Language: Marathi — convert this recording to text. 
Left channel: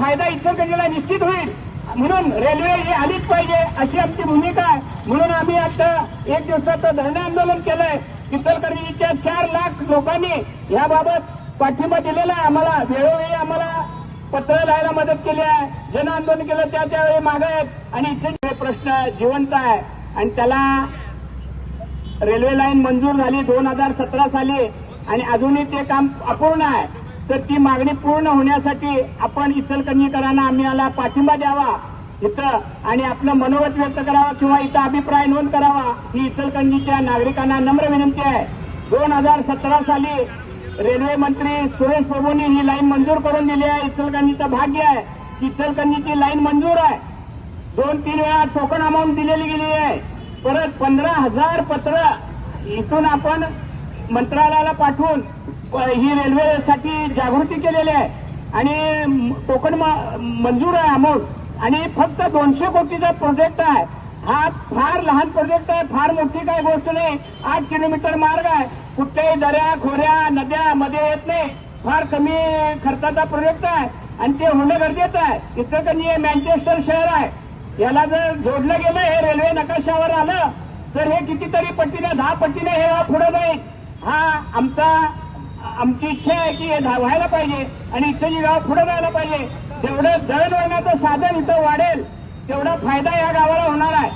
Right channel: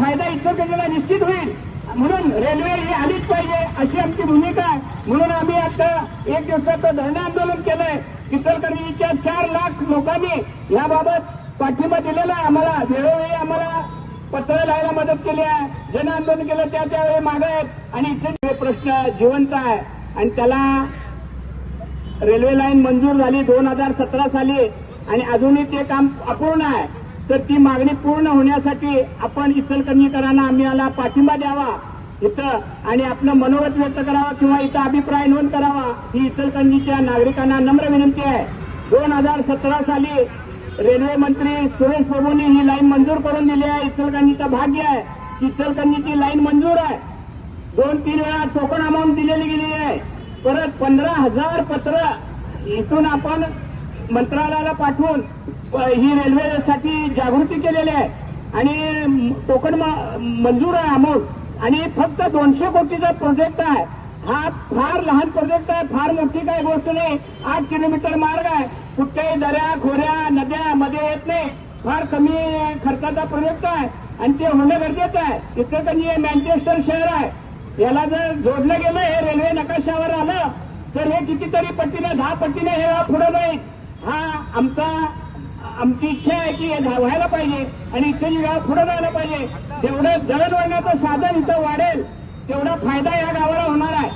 फायदा इचलकरंजीला निश्चित होईल, म्हणून रेल्वे ही आलीच पाहिजे अशी आमची भूमिका आहे. म्हणून आम्ही आता 1 दिवसाचं धरणे आंदोलन केलंय. इचलकरंजीच्या 4 लाख लोकांनी याबाबत पाठिंबा दिलेला आहे. आम्हाला वेळोवेळी आम्हाला पत्र लिहायला मदत केली आहे, जन आंदोलन केलं त्यावेळी मागत, आणि इथे प्रश्न जिवंत आहे आणि त्याला रेल्वे लाईन मंजूर झाली 2017 साली आणि अजूनही ते काम अपूर्ण आहे. तर ती मागणी पूर्ण होण्यासाठी आपण इचलकरंजीकरांना आम्हाला पाठिंबा द्यावा इथं आणि आपलं मनोगत व्यक्त करावं किंवा इथं अभिप्राय नोंद करावा ही इचलकरंजीच्या नागरिकांना नम्र विनंती आहे. 2017 साली रेल्वे मंत्री सुरेश प्रभूंनी ही लाईन मंजूर करून दिली आहे. इचलकरंजीचं भाग्य आहे की इचलकरंजीची लाईन मंजूर आहे. 2-3 वेळा टोकन अमाऊंट दिलेली गेली आहे. परत 15,000 पत्र इथून आपण मंत्रालयाला पाठवून ही रेल्वेसाठी जागृती केलेली आहे आणि टोकन मंजूर आहे अमाऊंट आणि फक्त 200 कोटीचा प्रोजेक्ट आहे. हा फार लहान प्रोजेक्ट आहे, फार मोठी काही गोष्ट नाही. 8 किलोमीटर मार्ग आहे, कुठल्याही दऱ्या खोऱ्या नद्या मध्ये येत नाही, फार कमी खर्चाचा प्रोजेक्ट आहे आणि ते होणं गरजेचं आहे. इचलकरंजी हे मँचेस्टर शहर आहे, याला जर जोडलं गेलं हे रेल्वे नकाशावर आलं तर हे कितीतरी पट्टीने 10 पट्टीने हे पुढे जाईल. आमची इच्छा आहे की हे व्हायला पाहिजे आणि इथं गाव पुढे जायला पाहिजे. जेवढं दळणवळणाचं साधन इथं वाढेल तेवढा फायदा या गावाला होणार आहे.